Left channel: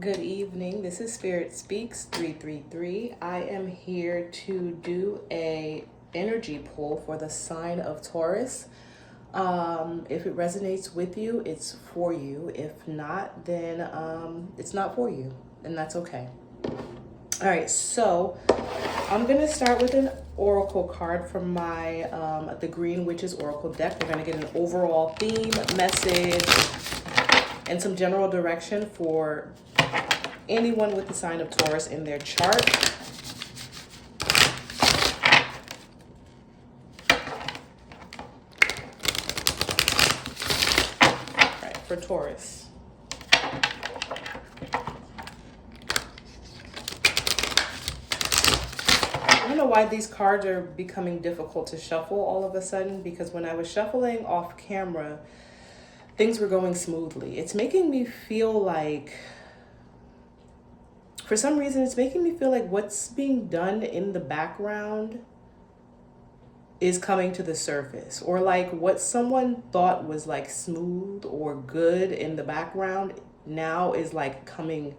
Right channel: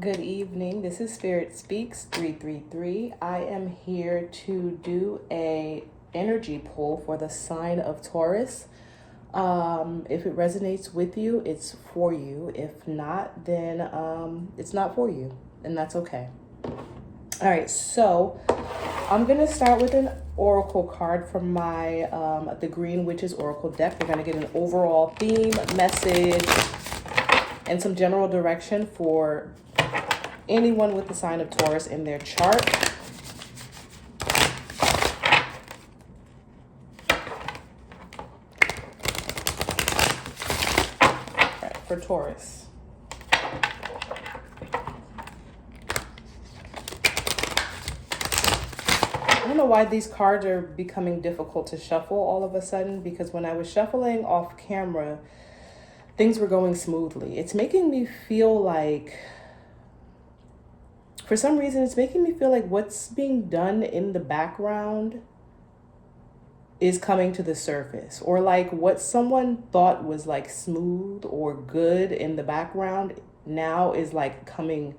Good evening. This is Spirit Speaks 333. I am here to do a energy pull for the sign of Taurus. If it resonates with you, it's for you. If not, then it's not for you, and that's okay. All right, so I'm gonna start with an oracle card from my the Green Witches Oracle deck. We're gonna get an overall theme, message, and some general direction for anyone with the sign of Taurus in their chart. All right, for Taurus. I don't know why these cards are becoming difficult to shuffle all of a sudden, because when I was shuffling off camera, things were going smoothly. It's making me feel like, for some reason, it's making me feel like what's being done in the background is coming to the surface, or like what someone thought was like smooth or good in the background now is like coming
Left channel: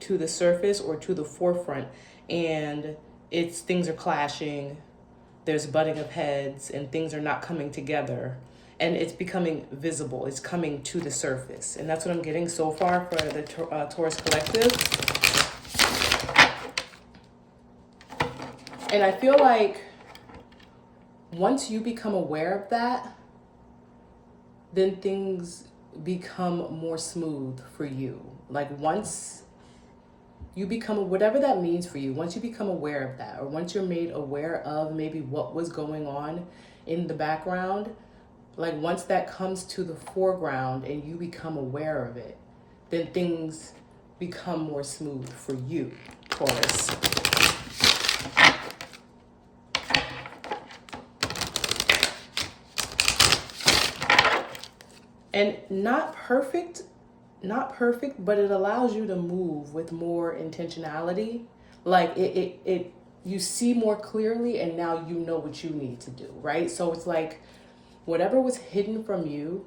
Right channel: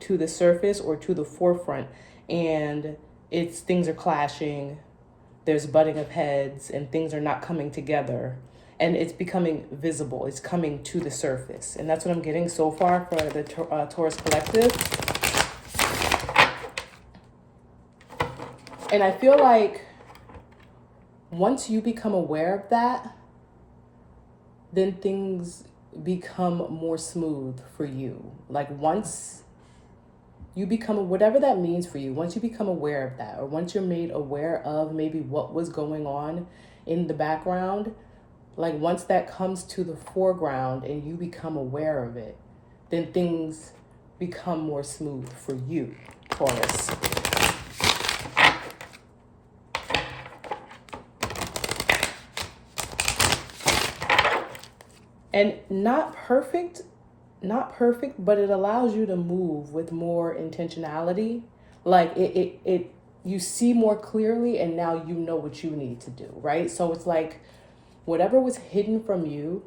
to the surface or to the forefront, and things are clashing, there's butting of heads, and things are not coming together, and it's becoming visible, it's coming to the surface. And that's what I'm getting so far for the Taurus collective. And I feel like once you become aware of that, then things become more smooth for you. Like once you become, whatever that means for you, once you become aware of that, or once you're made aware of maybe what was going on in the background, like once that comes to the foreground and you become aware of it, then things become more smooth for you, Taurus. And not perfect, but it allows you to move with more intentionality. Like you see more clearly, and now you know what you need to do, right? So it's like whatever was hidden from you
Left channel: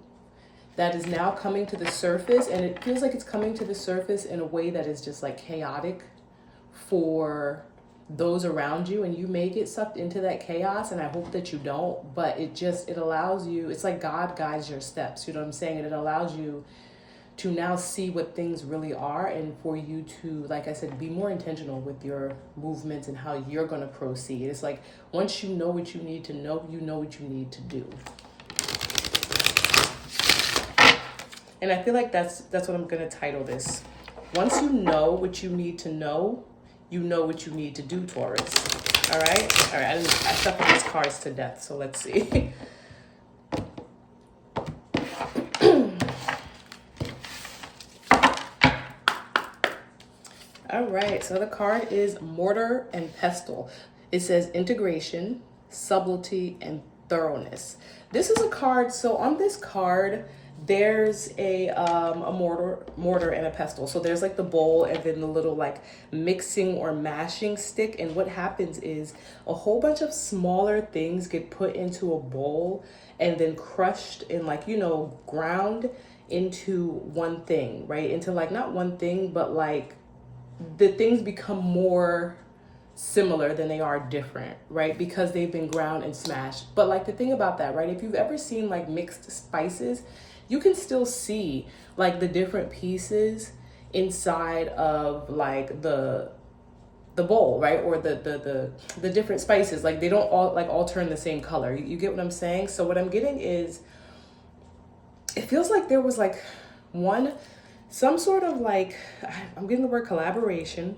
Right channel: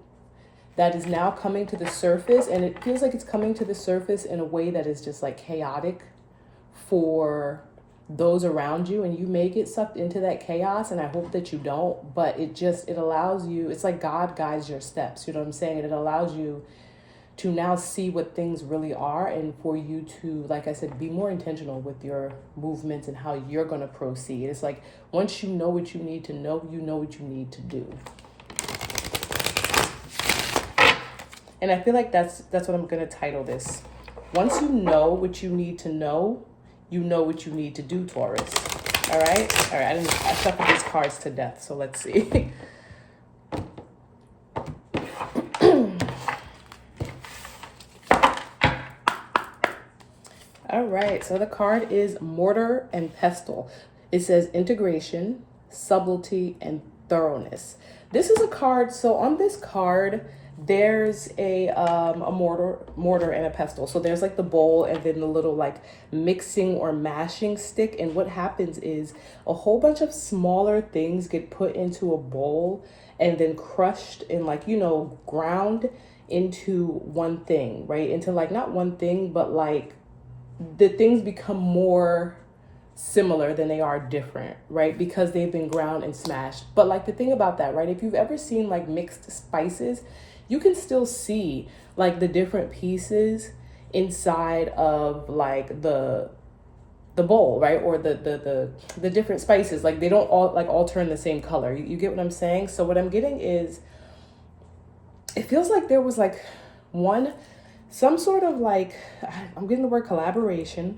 that is now coming to the surface, and it feels like it's coming to the surface in a way that is just like chaotic for those around you, and you may get sucked into that chaos, and I hope that you don't, but it allows you, it's like God guides your steps, you know what I'm saying? And it allows you to now see what things really are, and for you to, like I said, be more intentional with your movements and how you're going to proceed. It's like once you know what you need to know, you know what you need to do. And I feel like that's what I'm going to title this. Once you know what you need to know, you know what you need to do, Taurus. All right? All right, I shuffled these cards to death, so let's see. All right, so the card is Mortar and Pestle. It says integration, subtlety, and thoroughness. This is a card, so on this card, there's a mortar and a pestle. So there's like the bowl and then the little like mixing or mashing stick. And what happens is a whole bunch of smaller things get put into a bowl and then crushed and like, you know, ground into one thing, right? Into like not one thing, but like the things become more similar than they are different, right? Because they've been ground and smashed. But like the thing about that, right? If you've ever seen like mixed spices, you can still see like the different pieces inside of like the bowl, right? Or the different spices. Like they don't all turn the same color. You get what I'm saying? So what I'm getting is, it feels like there was like some sort of like, I'm getting the word collaboration,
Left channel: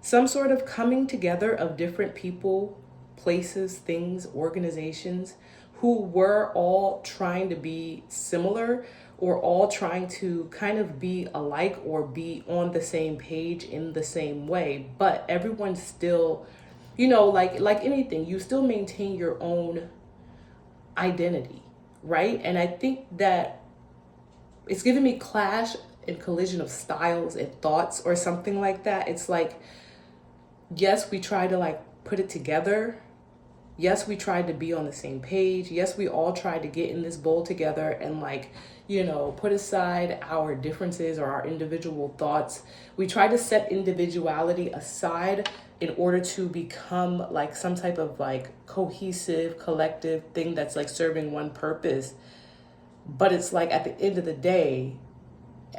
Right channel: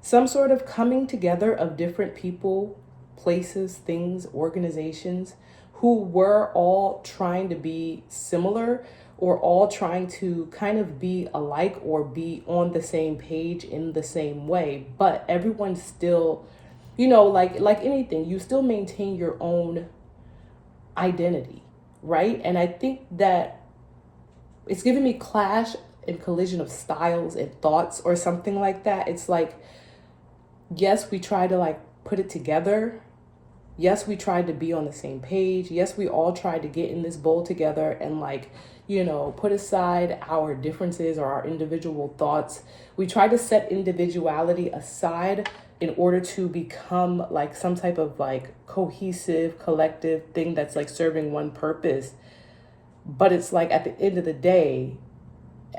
some sort of coming together of different people, places, things, organizations who were all trying to be similar, or all trying to kind of be alike or be on the same page in the same way. But everyone still, you know, like anything, you still maintain your own identity, right? And I think that it's giving me clash and collision of styles and thoughts or something like that. It's like, yes, we try to like put it together. Yes, we tried to be on the same page. Yes, we all tried to get in this bowl together and like, put aside our differences or our individual thoughts. We try to set individuality aside in order to become like some type of like cohesive, collective thing that's like serving one purpose. But it's like at the end of the day,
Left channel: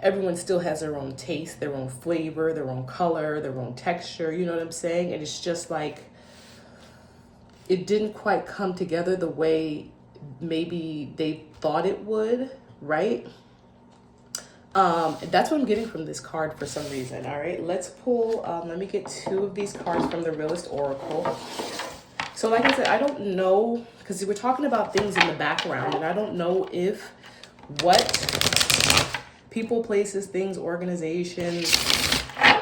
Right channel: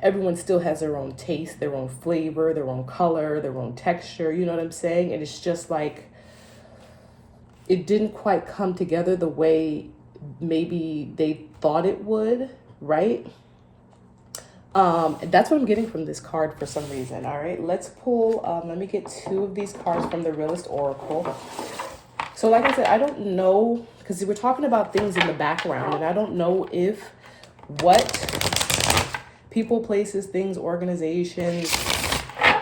everyone still has their own taste, their own flavor, their own color, their own texture, you know what I'm saying? And it's just like, it didn't quite come together the way maybe they thought it would, right? That's what I'm getting from this card for some reason. All right, let's pull, let me get 2 of these cards from the Realist Oracle. So like I said, I don't know, because we're talking about things in the background, and I don't know if what people, places, things, organizations,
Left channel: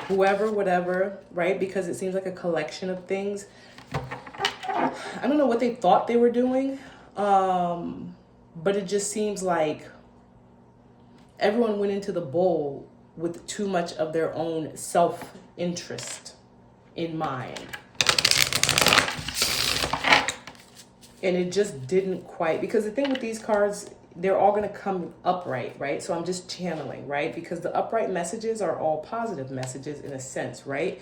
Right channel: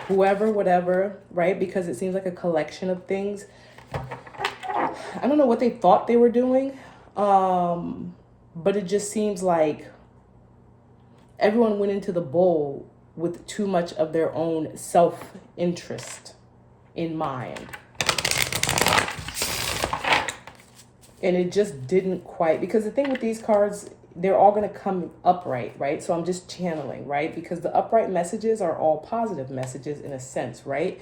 whoever, whatever, right? Because it seems like a collection of things. I don't know what they thought they were doing, but it just seems like everyone went into the bowl with too much of their own self-interest in mind. And it just didn't quite, because the thing with these cards, they're all going to come upright, right? So I'm just channeling, right? Because the upright messages are all positive messages in a sense, right?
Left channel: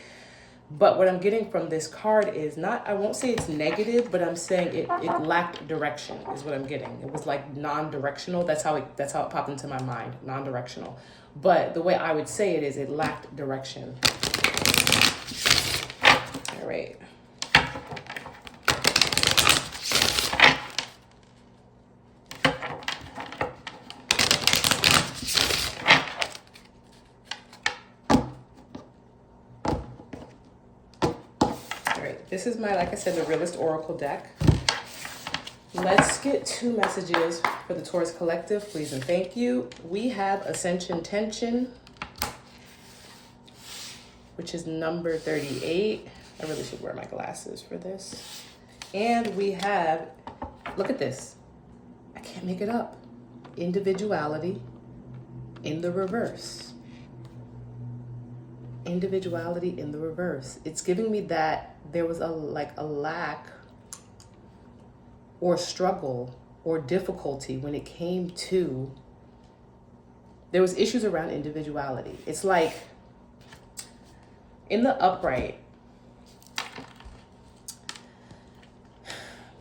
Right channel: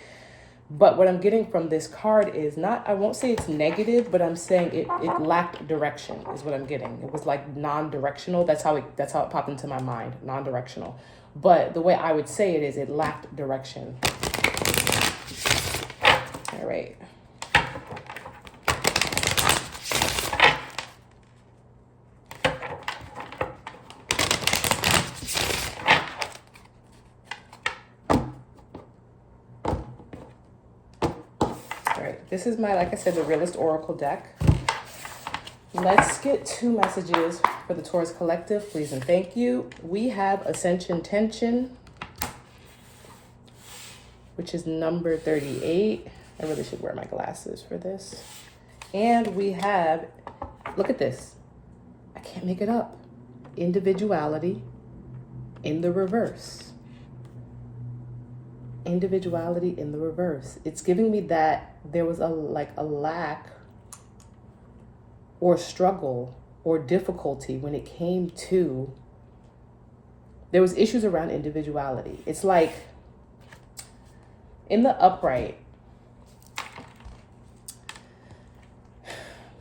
But what I'm getting from this card is not, I won't say it's negative, but I'm saying it lacked direction is what I'm getting. It was like non-directional. That's how it popped into my mind, non-directional. But the way I would say it is it lacked direction. All right. This is my, like I said, the Realist Oracle deck. Let's get 2 messages for the Taurus Collective, please and thank you. We have Ascension Tension, which is number 38. I really should wear my glasses for this. And we have, look at this. I can't make it up. Individuality in the reverse. Individuality in the reverse. It's giving me that there was a lack or struggle or difficulty when it came to, there was issues around individuality. It's like in the upright.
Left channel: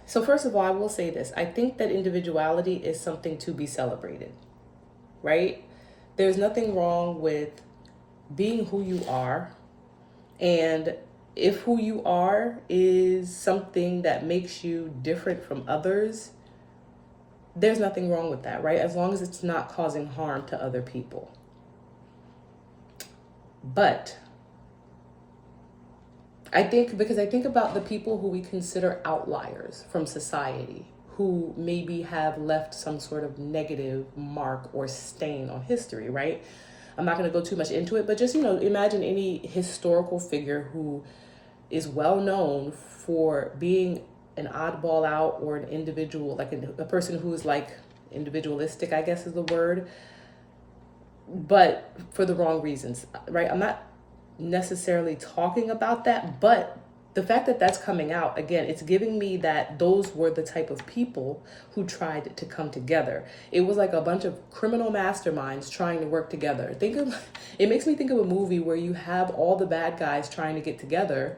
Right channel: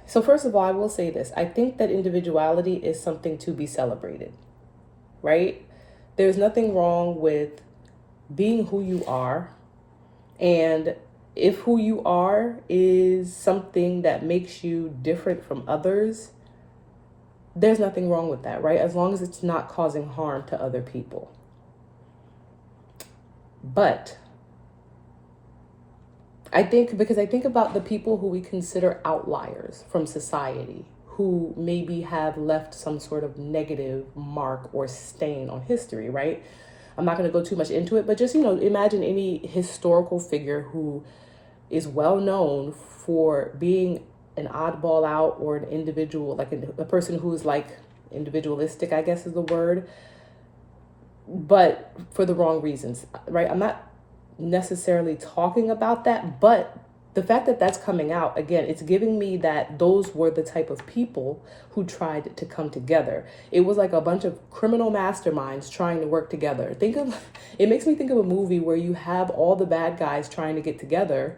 So first of all, I will say this. I think that individuality is something to be celebrated, right? There's nothing wrong with being who you are, and if who you are is something that makes you different from others, there's nothing wrong with that, right? As long as it's not causing harm to other people. But I think about the people who we consider outliers from society, who maybe have left some sort of negative mark or stain on history, right? I'm not going to go too much into it, but just, imagine any historical figure who is well known for being an oddball out or an individual, like a person who is like individualistic, I guess is the word, but for the wrong reasons, right? I'm not necessarily talking about that, but the fact that that's coming out, again, it's giving me that those were the type of people who tried to come together. It was like a bunch of criminal masterminds trying to work together. It makes me think of a movie where you have all the bad guys trying to get together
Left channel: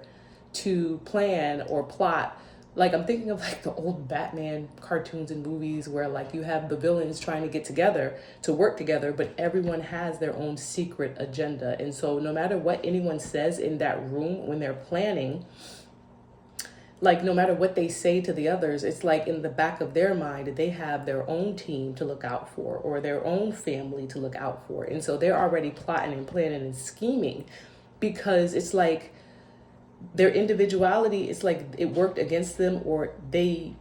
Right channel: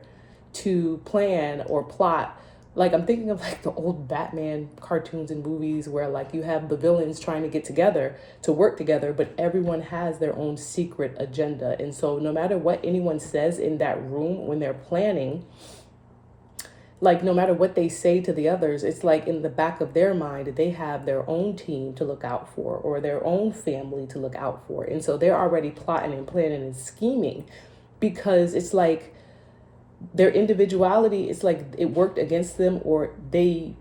to plan or plot. Like I'm thinking of like the old Batman cartoons and movies where like you have the villains trying to get together to work together, but everyone has their own secret agenda. And so no matter what anyone says in that room when they're planning, like no matter what they say to the others, it's like in the back of their mind, they have their own team to look out for or their own family to look out for. And so they're already plotting and planning and scheming because it's like their individuality, it's like it worked against them or they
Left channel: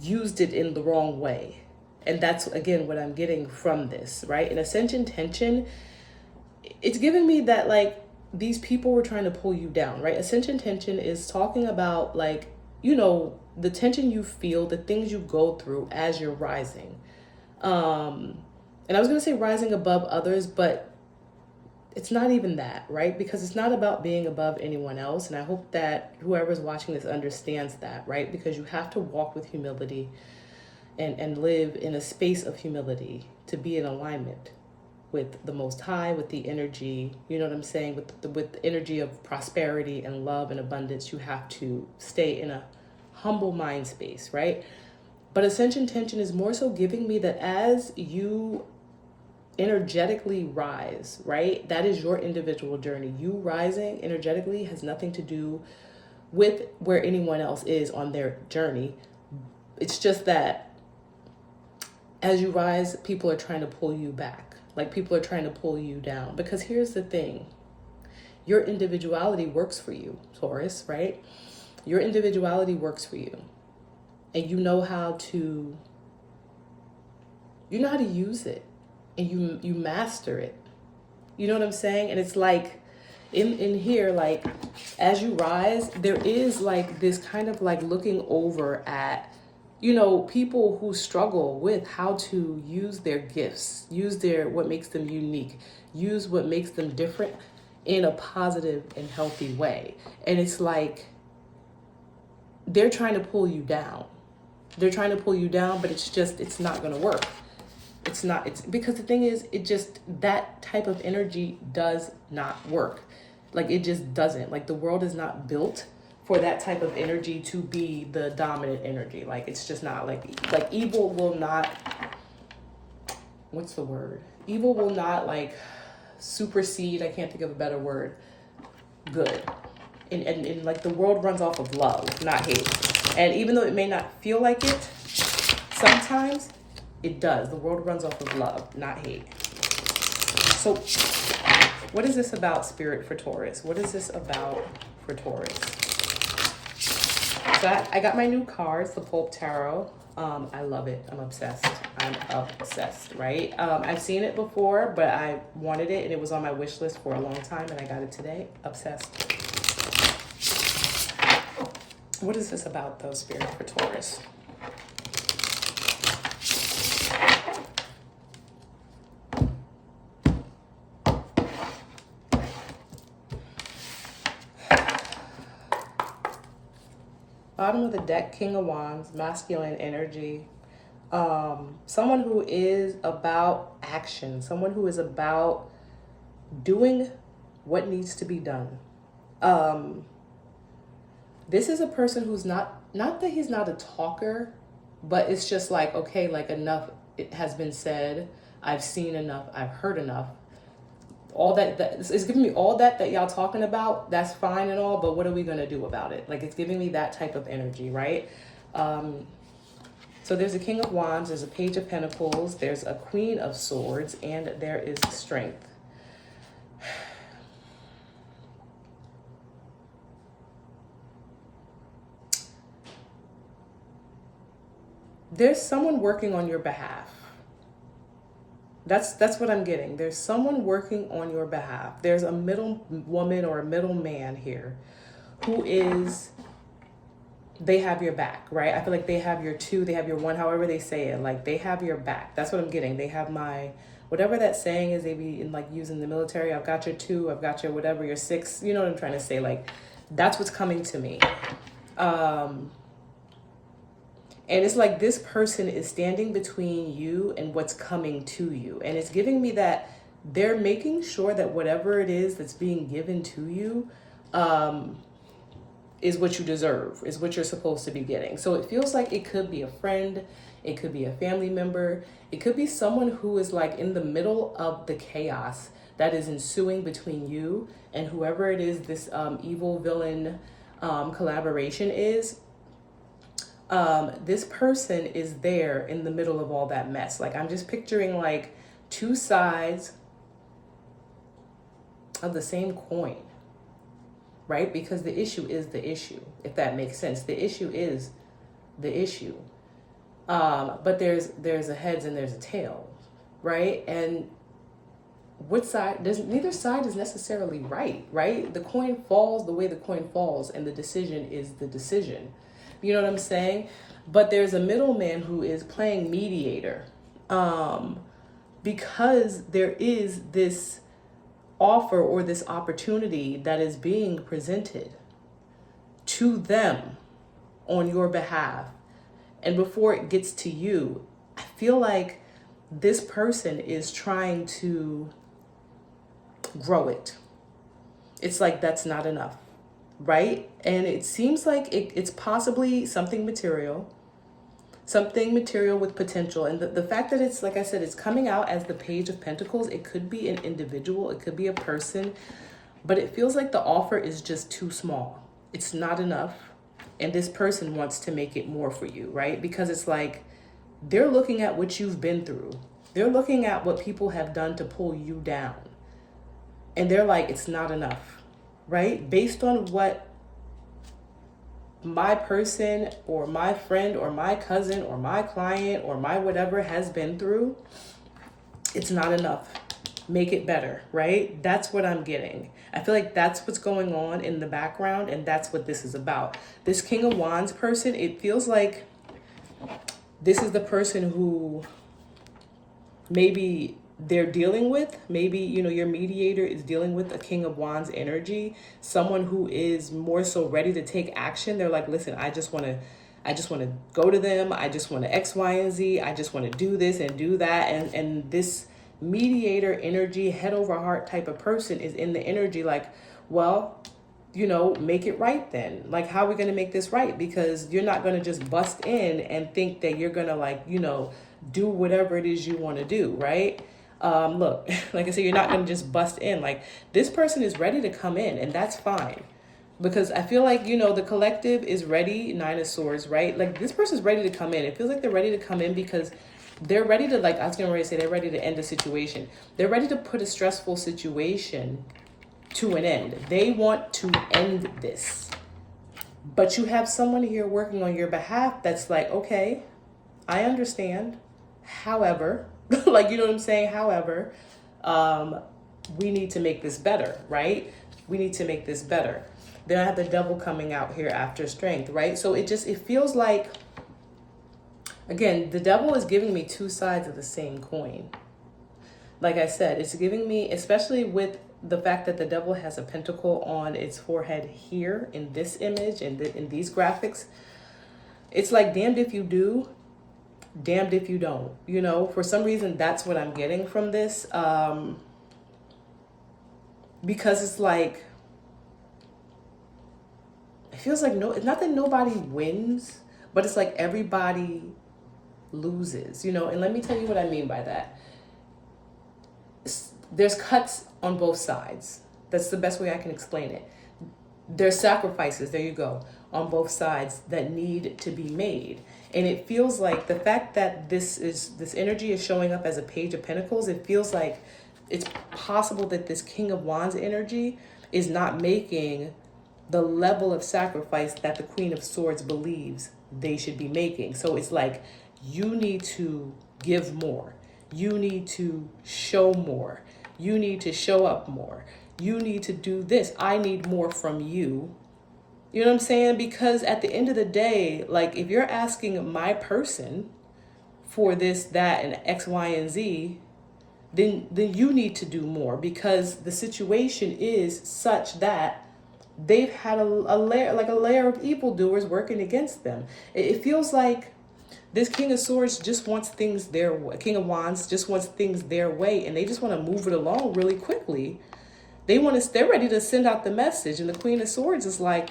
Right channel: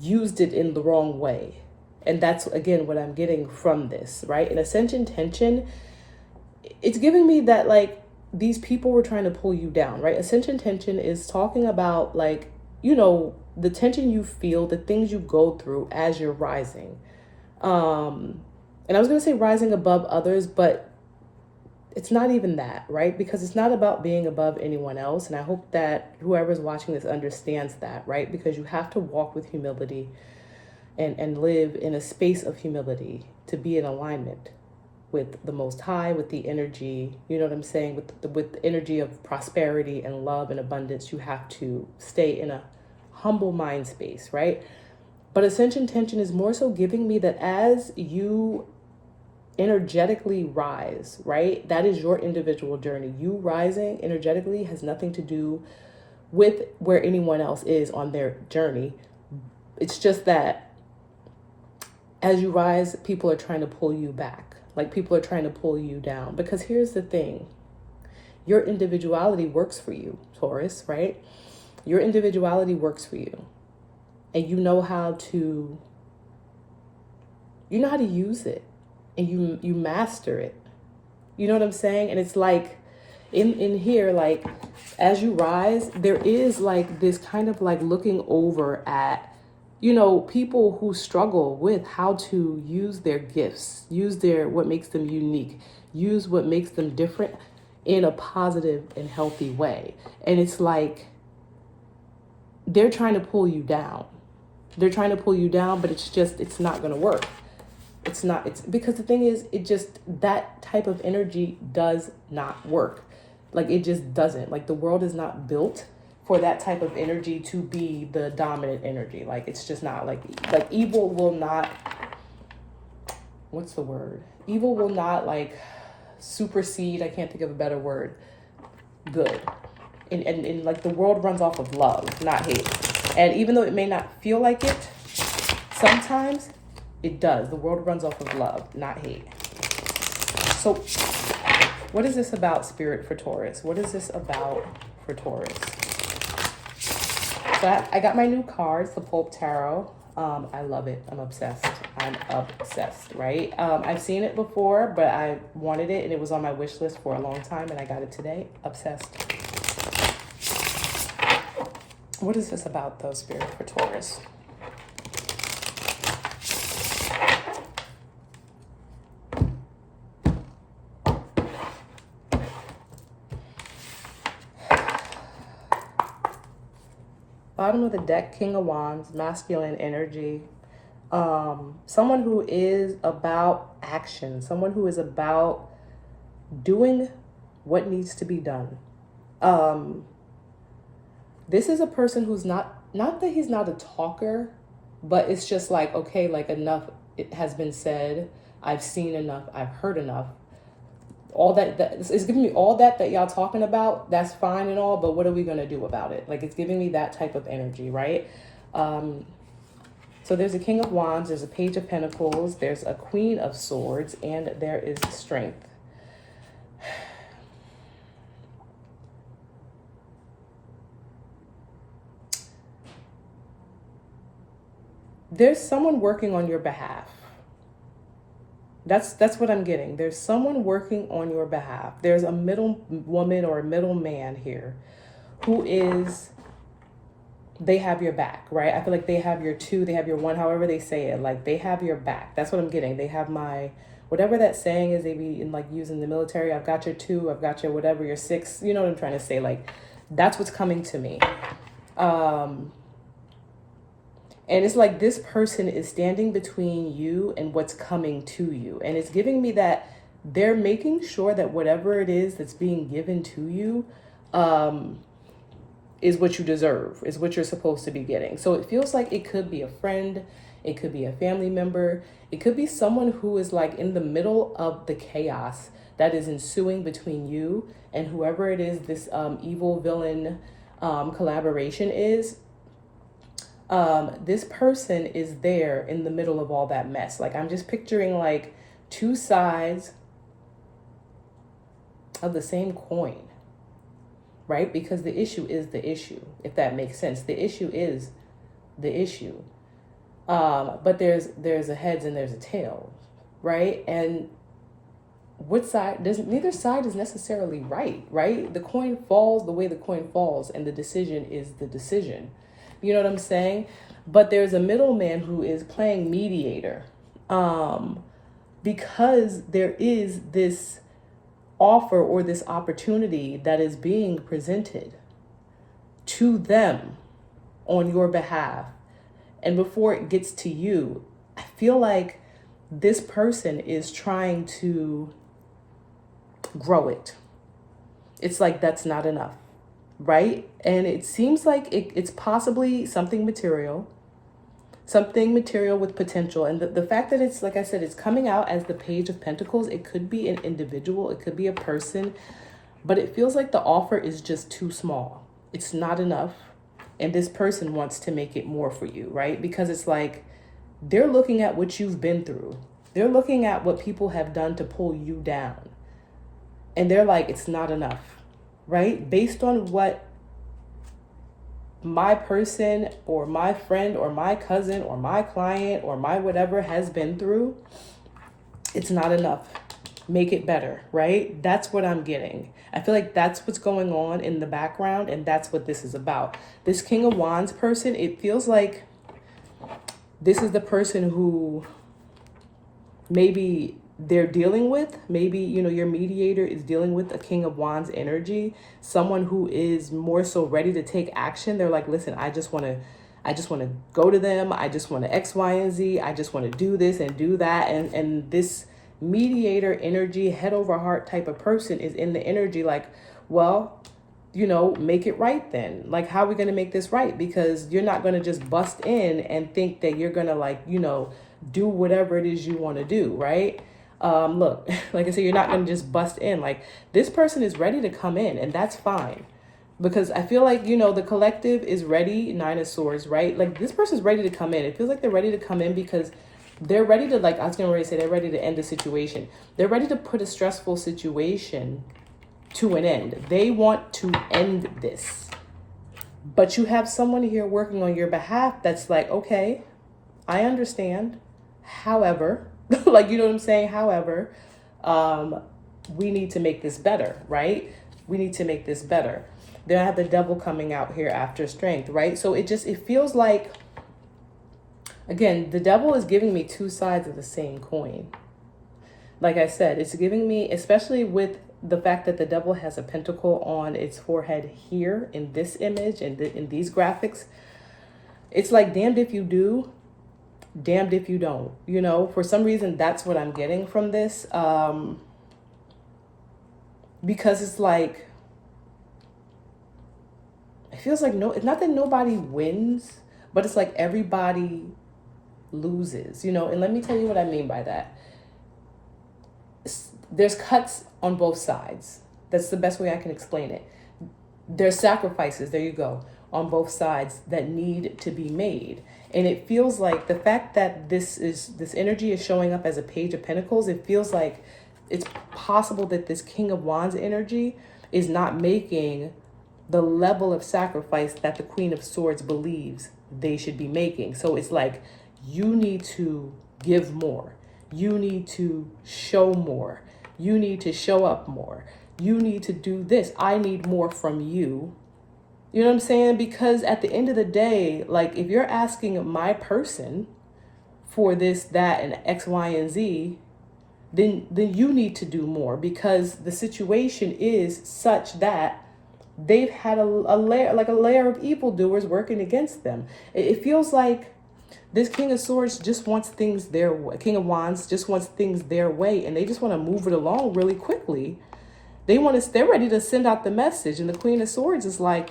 used it in the wrong way. And that's, again, what I'm getting from this, right? And Ascension Tension, it's giving me that, like, these people were trying to pull you down, right? Ascension Tension is talking about, like, the tension you feel, the things you go through as you're rising. And I was going to say rising above others, but it's not even that, right? Because it's not about being above anyone else. And I hope that whoever's watching this understands that, right? Because you have to walk with humility. and live in a space of humility, to be in alignment with the Most High, with the energy, you know what I'm saying, with the energy of prosperity and love and abundance. You have to stay in a humble mind space, right? But ascension tension is more so giving me that as you energetically rise, right? That is your individual journey. You rising energetically has nothing to do with where anyone else is on their journey. It's just that as you rise, people are trying to pull you back. Like, people are trying to pull you down. Because here's the thing. Your individuality works for you, Taurus, right? Your individuality works for you. And you know how to use it. And you master it. You know what I'm saying? And it's like, in here, like, as you rise, there is like this kind of like looking over at, you know, people who struggle with how to use their gifts, use what makes them unique, use what makes them different in a positive and healthy way. And it's like, they're trying to pull you down. They're trying to pull you down, but it's not going to work. It's because the thing is, that type of energy does not work. Like, it just doesn't. Like, the world is not built for that type of energy to be the dominant energy. Like, it's just not. Like evil will not, what's the word? Evil will not like supersede, I can't think of a better word, good. And like, the world runs off of love, not hate. And even though it may not feel like it, sometimes it does. The world runs off of love, not hate. So what is this about, Spirit, for Taurus? What is this about for Taurus? So I got my new cards, the Pope Tarot. I love it. I'm obsessed. Right? I've seen it before, but I wanted it, and it was on my wish list for a long time, and I got it today. Obsessed. What is this about, though, Spirit, for Taurus? Bottom of the deck, King of Wands, masculine energy. Someone who is about action. Someone who is about doing what needs to be done. This is a person who's not that he's not a talker, but it's just like, okay, like, enough, it has been said. I've seen enough. I've heard enough. All that it's giving me all that y'all talking about. That's fine and all, but what are we going to do about it? Like, it's giving me that type of energy, right? So there's a King of Wands, there's a Page of Pentacles, there's a Queen of Swords, and there is Strength. There's someone working on your behalf. That's what I'm getting. There's someone working on your behalf. There's a middle woman or a middle man here who they have your back, right? I feel like they have your two, they have your one, however they say it. Like, they have your back. That's what I'm getting. They have whatever that saying is, they be in, like, using the military. I've got your two, I've got your whatever, your six. You know what I'm trying to say? Like, that's what's coming to me. And it's like this person is standing between you and what's coming to you. And it's giving me that they're making sure that whatever it is that's being given to you is what you deserve, is what you're supposed to be getting. So it feels like it could be a friend, it could be a family member, it could be someone who is like in the middle of the chaos that is ensuing between you and whoever it is this evil villain collaboration is. This person is there in the middle of all that mess. Like, I'm just picturing like two sides of the same coin, right? Because the issue is the issue, if that makes sense. The issue is the issue. But there's a heads and there's a tail, right? And neither side is necessarily right? The coin falls the way the coin falls, and the decision is the decision. You know what I'm saying? But there's a middleman who is playing mediator, because there is this offer or this opportunity that is being presented to them on your behalf. And before it gets to you, I feel like this person is trying to grow it. It's like that's not enough, right? And it seems like it's possibly something material with potential. And the fact that it's, like I said, it's coming out as the Page of Pentacles. It could be an individual, it could be a person, but it feels like the offer is just too small. It's not enough. And this person wants to make it more for you, right? Because it's like they're looking at what you've been through. They're looking at what people have done to pull you down. And they're like, it's not enough, right? Based on what my person or my friend or my cousin or my client or my whatever has been through, it's not enough. Make it better, right? That's what I'm getting. I feel like that's what's going on in the background, and that's what this is about. This King of Wands person, it feels like this is the person who maybe they're dealing with. Maybe, you know, your mediator is dealing with a King of Wands energy, someone who is more so ready to take action. They're like, listen, I just want to go to them. I just want to X, Y, and Z. I just want to do this and do that. And this mediator energy, head over heart type of person is in the energy like, well, you know, make it right then. Like, how are we going to make this right? Because you're not going to just bust in and think that you're going to, like, you know, do whatever it is you want to do, right? Look, like I said, you're not going to just bust in. Like, this person is ready to come in, and that's fine. Because I feel like, you know, the collective is ready, Nine of Swords, right? Like, this person's ready to come in. It feels like they're ready to come in because they're ready to, like, I was going to say, they're ready to end the situation. They're ready to put a stressful situation to an end. They want to end this. But you have someone here working on your behalf that's like, okay, I understand. However, like, you know what I'm saying? However, we need to make this better, right? We need to make this better. Then I have the Devil coming out here after Strength, right? So it feels like, again, the Devil is giving me two sides of the same coin. Like I said, it's giving me, especially with the fact that the Devil has a pentacle on its forehead here in this image and in these graphics, it's like damned if you do, damned if you don't. You know, for some reason, that's what I'm getting from this. Because it's like, it feels like it's not that nobody wins, but it's like everybody loses, you know. And let me tell you what I mean by that. There's cuts on both sides. That's the best way I can explain it. There's sacrifices, there you go, on both sides that need to be made. And it feels like the fact that this energy is showing up as a Page of Pentacles, it feels like it's possible that this King of Wands energy is not making the level of sacrifice that the Queen of Swords believes they should be making. So it's like, you need to give more. You need to show more. You need to show up more. You need to do this. I need more from you. You know what I'm saying? Because at the end of the day, like, if you're asking my person for this, that, and X, Y, and Z, then you need to do more, because the situation is such that they've had a layer of evildoers working against them. It feels like this King of Swords just wants things their way. King of Wands just wants things their way, and they just want to move it along really quickly. They're ready to send out the message, and the Queen of Swords is like,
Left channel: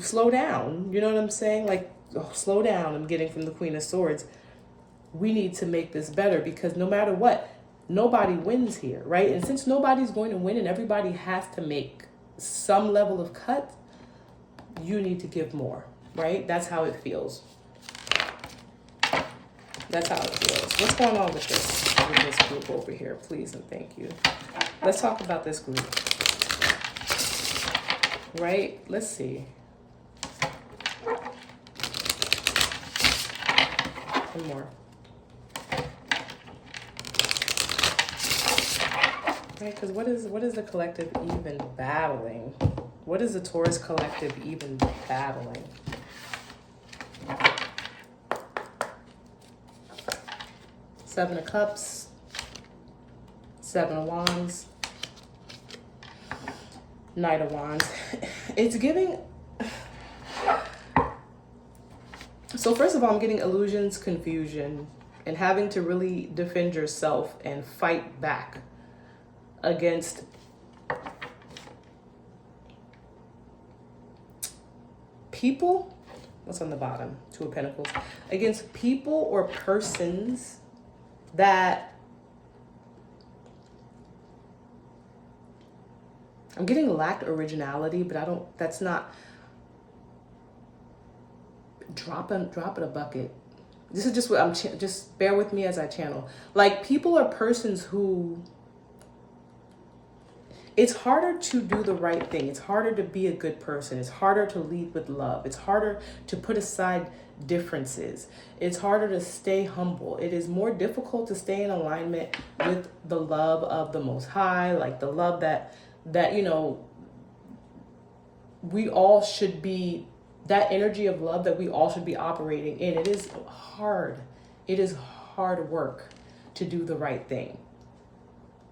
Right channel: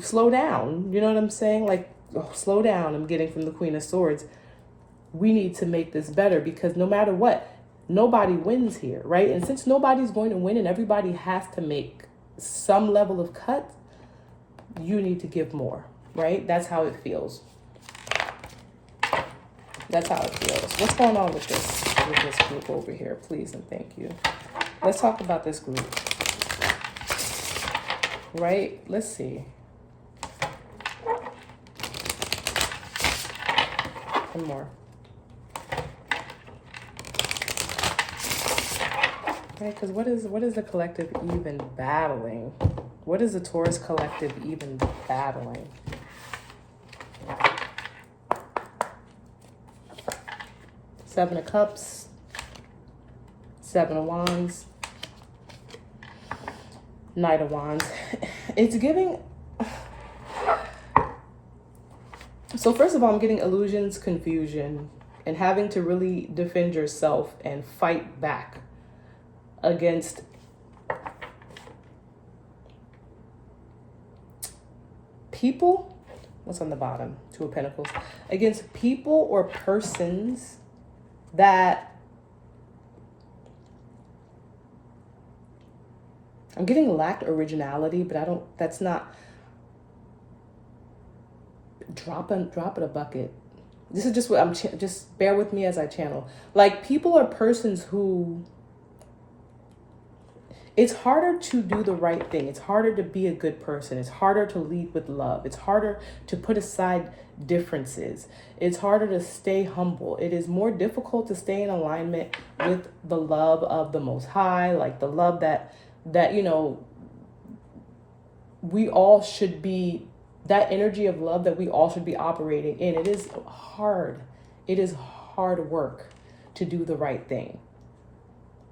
slow down. You know what I'm saying? Like, oh, slow down. I'm getting from the Queen of Swords. We need to make this better, because no matter what, nobody wins here, right? And since nobody's going to win and everybody has to make some level of cut, you need to give more, right? That's how it feels. That's how it feels. What's going on with this group over here? Please and thank you. Let's talk about this group. Right? Let's see. One more. Okay, because what is the collective even battling? What is the Taurus collective even battling? Seven of Cups, Seven of Wands, Knight of Wands. It's giving, So first of all, I'm getting illusions, confusion, and having to really defend yourself and fight back against people. What's on the bottom? Two of Pentacles. Against people or persons that I'm getting lacked originality, but that's not dropping a bucket. This is just what I'm, just bear with me as I channel. Like, people or persons who, it's harder to do the right thing. It's harder to be a good person. It's harder to lead with love. It's harder to put aside differences. It's harder to stay humble. It is more difficult to stay in alignment with the love of the Most High, like the love that we all should be, that energy of love that we all should be operating in. It is hard. It is hard work to do the right thing.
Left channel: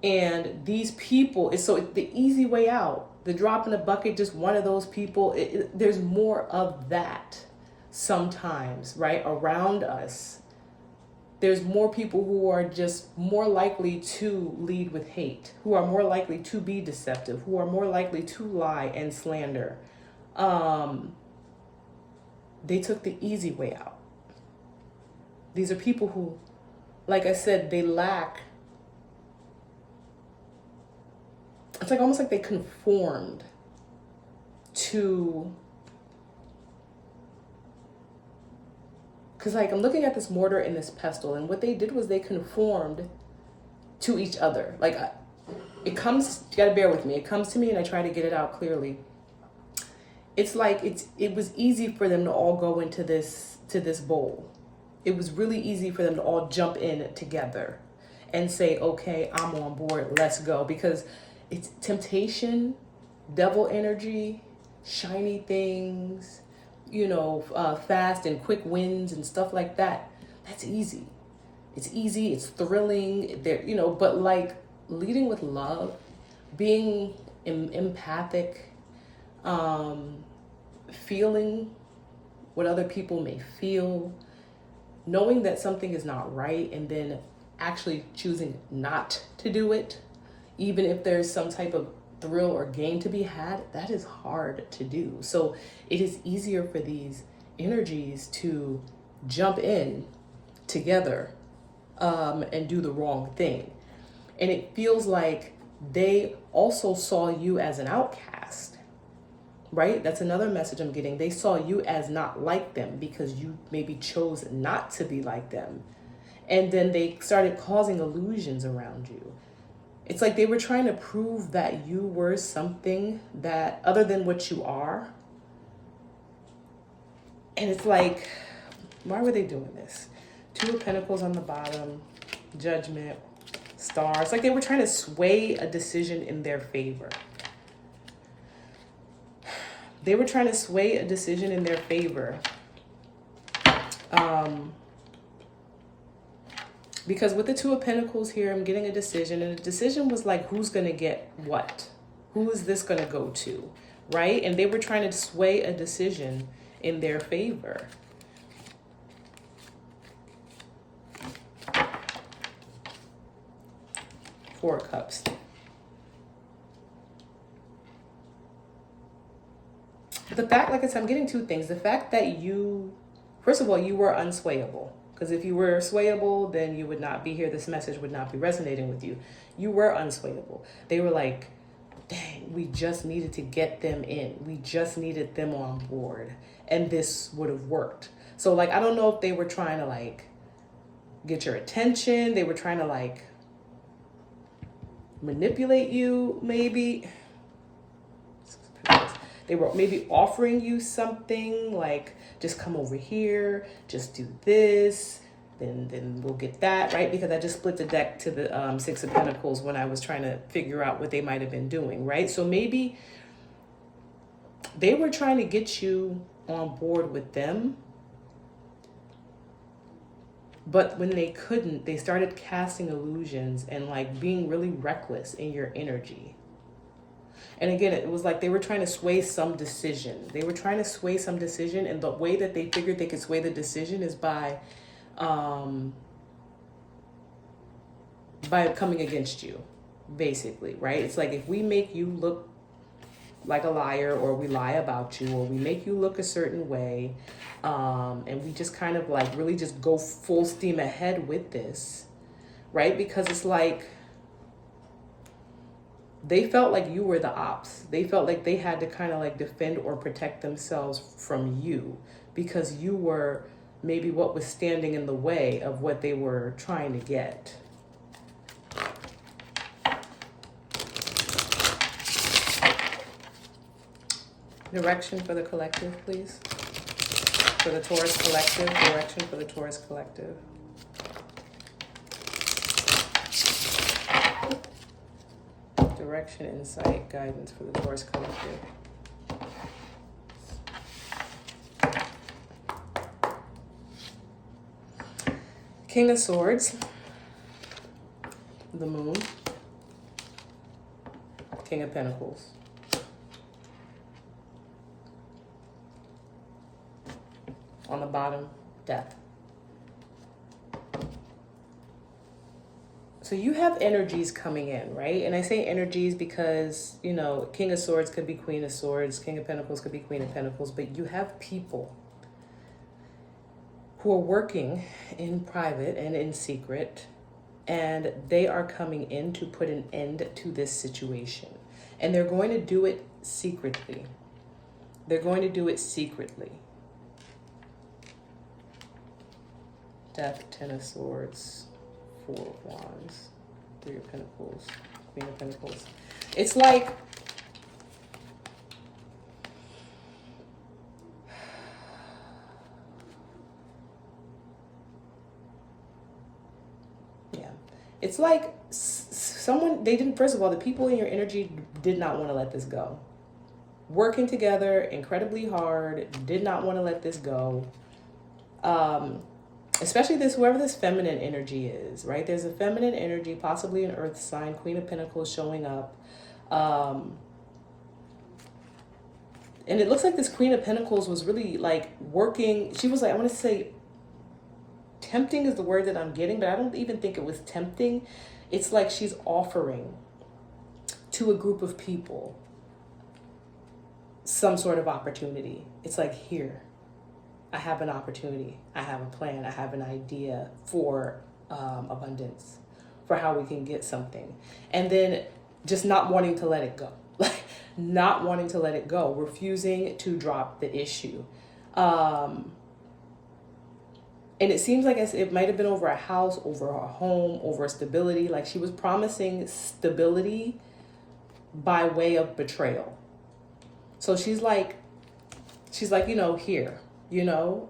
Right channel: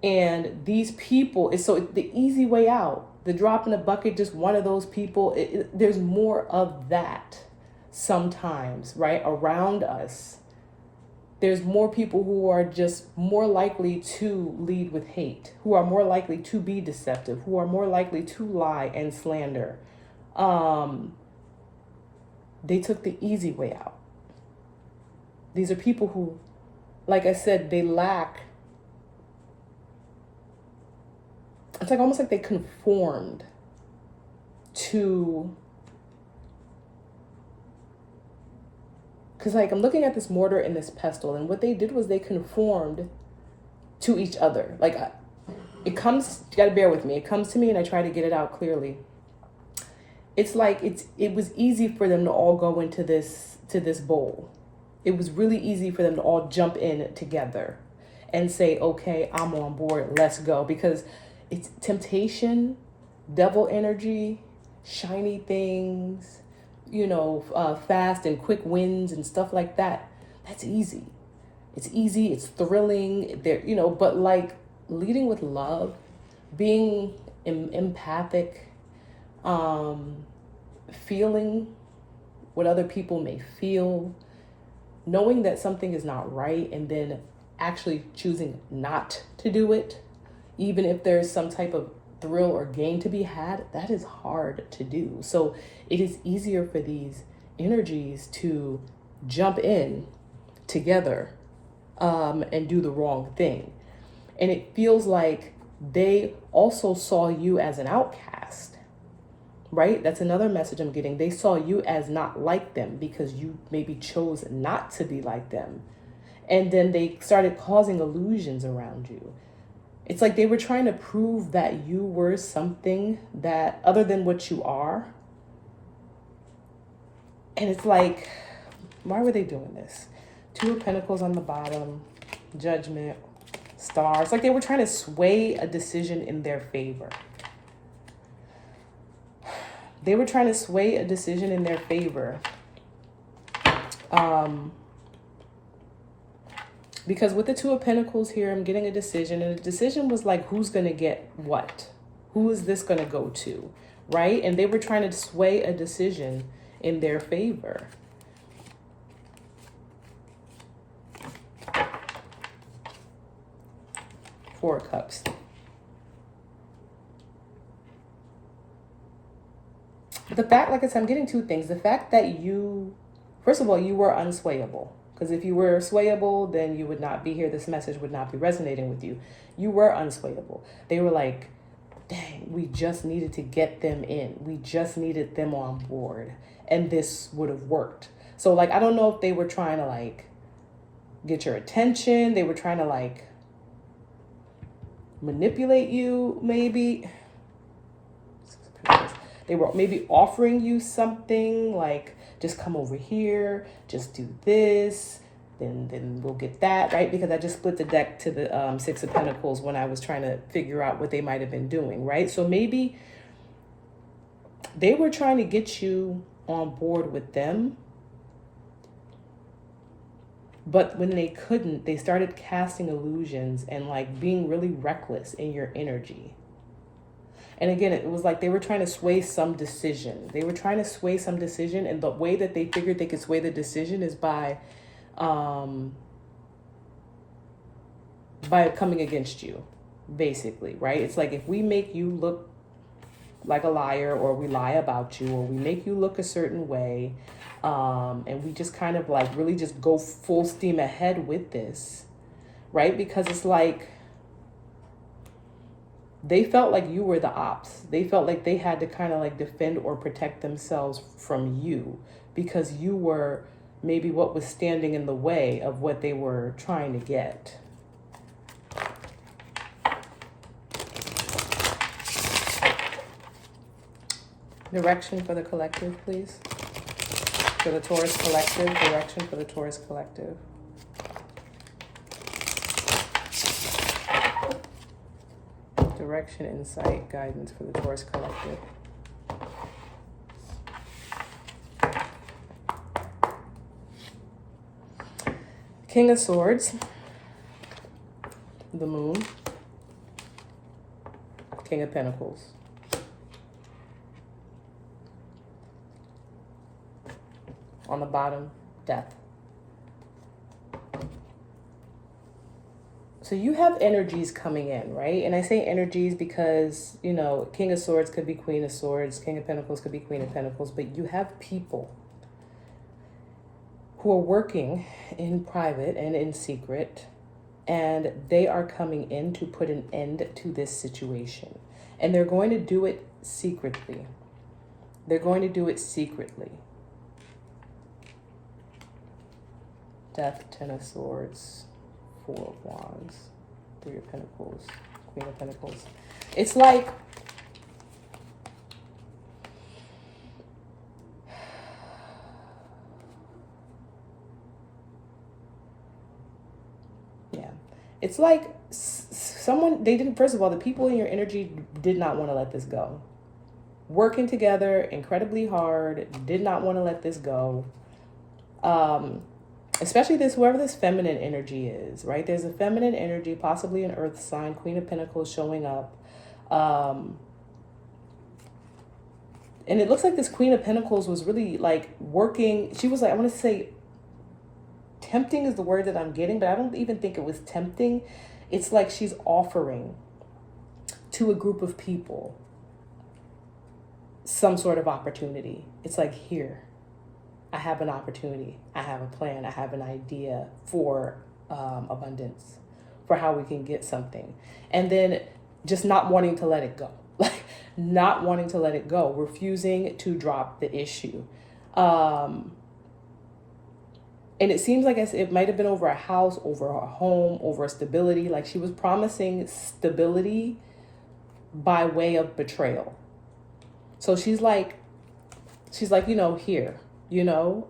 And these people, it's so the easy way out, the drop in the bucket, just one of those people. There's more of that sometimes, right? Around us. There's more people who are just more likely to lead with hate, who are more likely to be deceptive, who are more likely to lie and slander. They took the easy way out. These are people who, like I said, they lack. It's like almost like they conformed to. Because like I'm looking at this mortar and this pestle, and what they did was they conformed to each other. Like it comes, you gotta bear with me. It comes to me and I try to get it out clearly. It's like it was easy for them to all go into this bowl. It was really easy for them to all jump in together and say, okay, I'm on board, let's go. Because it's temptation, devil energy, shiny things, fast and quick wins and stuff like that. That's easy. It's easy. It's thrilling. But like leading with love, being empathic, feeling what other people may feel, knowing that something is not right, and then actually choosing not to do it, even if there's some type of thrill or gain to be had, that is hard to do. So it is easier for these energies to jump in together and do the wrong thing. And it feels like they also saw you as an outcast, right? That's another message I'm getting. They saw you as not like them because you maybe chose not to be like them. And then they started causing illusions around you. It's like they were trying to prove that you were something that other than what you are. And it's like, why were they doing this? Two of Pentacles on the bottom, Judgment, Star. It's like they were trying to sway a decision in their favor. They were trying to sway a decision in their favor. Because with the Two of Pentacles here, I'm getting a decision. And the decision was like, who's going to get what? Who is this going to go to? Right? And they were trying to sway a decision in their favor. Four of Cups. The fact, like I said, I'm getting two things. The fact that you, first of all, you were unswayable. Because if you were swayable, then you would not be here. This message would not be resonating with you. You were unswayable. They were like, dang, we just needed to get them in. We just needed them on board. And this would have worked. So like, I don't know if they were trying to like get your attention. They were trying to like manipulate you, maybe. They were maybe offering you something like, just come over here, just do this, then we'll get that, right? Because I just split the deck to the Six of Pentacles when I was trying to figure out what they might have been doing, right? So maybe they were trying to get you on board with them, but when they couldn't, they started casting illusions and like being really reckless in your energy. And again, it was like they were trying to sway some decision. They were trying to sway some decision, and the way that they figured they could sway the decision is by coming against you, basically, right? It's like if we make you look like a liar, or we lie about you, or we make you look a certain way, and we just kind of like really just go full steam ahead with this, right? Because it's like they felt like you were the ops. They felt like they had to kind of like defend or protect themselves from you, because you were maybe what was standing in the way of what they were trying to get. Direction for the collective, please. For the Taurus collective, direction for the Taurus collective. Direction, insight, guidance for the Taurus collective. King of Swords, the Moon, King of Pentacles. On the bottom, Death. So you have energies coming in, right? And I say energies because, you know, King of Swords could be Queen of Swords, King of Pentacles could be Queen of Pentacles, but you have people who are working in private and in secret, and they are coming in to put an end to this situation. And they're going to do it secretly. They're going to do it secretly. Death, Ten of Swords, Four of Wands, Three of Pentacles, Queen of Pentacles. It's like it's like someone, they didn't, first of all, the people in your energy did not want to let this go. Working together incredibly hard, did not want to let this go. Especially this, whoever this feminine energy is, right? There's a feminine energy, possibly an earth sign, Queen of Pentacles showing up. And it looks like this Queen of Pentacles was really like working. She was like, I want to say tempting is the word that I'm getting, but I don't even think it was tempting. It's like she's offering to a group of people some sort of opportunity. It's like, here, I have an opportunity. I have a plan. I have an idea for abundance, for how we can get something. And then just not wanting to let it go. Like not wanting to let it go, refusing to drop the issue. And it seems like it might have been over a house, over a home, over stability. Like she was promising stability by way of betrayal. So she's like, you know, here, you know,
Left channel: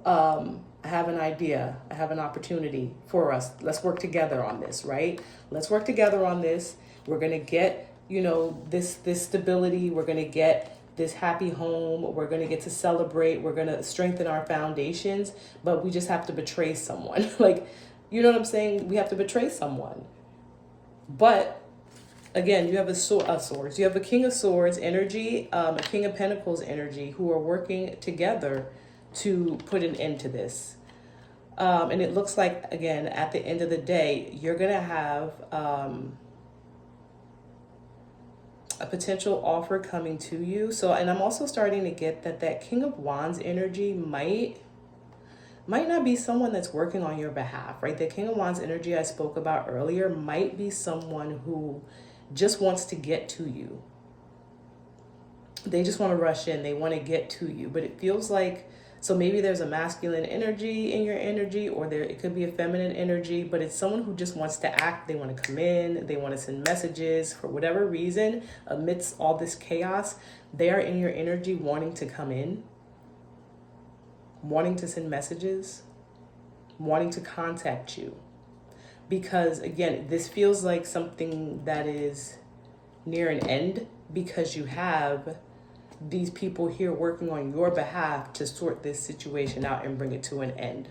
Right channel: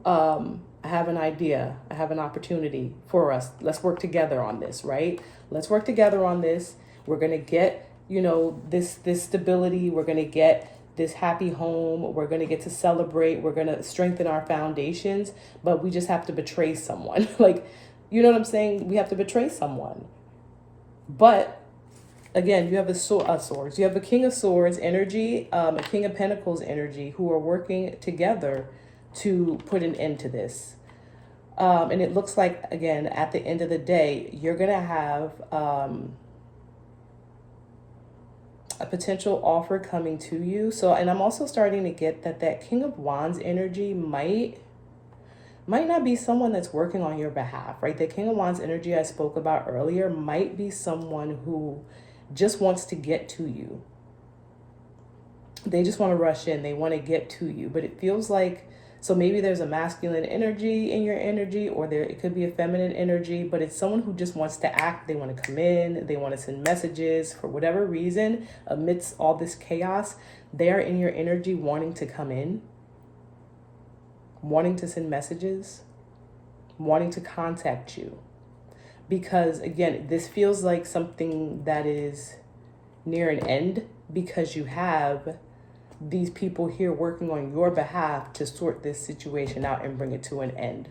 I have an idea. I have an opportunity for us. Let's work together on this, right? Let's work together on this. We're going to get, you know, this stability. We're going to get this happy home. We're going to get to celebrate. We're going to strengthen our foundations, but we just have to betray someone. Like, you know what I'm saying? We have to betray someone. But again, you have a swords. You have a King of Swords energy, a King of Pentacles energy, who are working together to put an end to this. And it looks like, again, at the end of the day, you're going to have a potential offer coming to you. So, and I'm also starting to get that King of Wands energy might not be someone that's working on your behalf, right? The King of Wands energy I spoke about earlier might be someone who just wants to get to you. They just want to rush in. They want to get to you. But it feels like, so maybe there's a masculine energy in your energy, or it could be a feminine energy, but it's someone who just wants to act. They want to come in. They want to send messages for whatever reason. Amidst all this chaos, they are in your energy wanting to come in, wanting to send messages, wanting to contact you. Because again, this feels like something that is near an end, because you have these people here working on your behalf to sort this situation out and bring it to an end.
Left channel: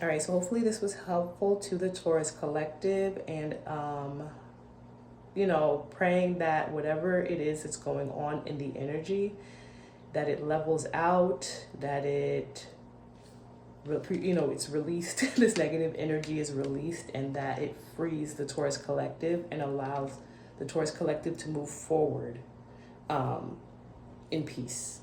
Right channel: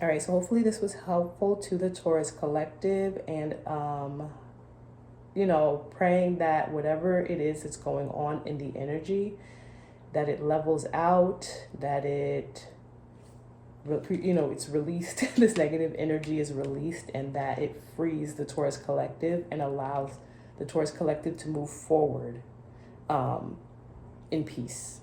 All right, so hopefully this was helpful to the Taurus collective. And you know, praying that whatever it is that's going on in the energy, that it levels out, that it, you know, it's released, this negative energy is released, and that it frees the Taurus collective and allows the Taurus collective to move forward in peace.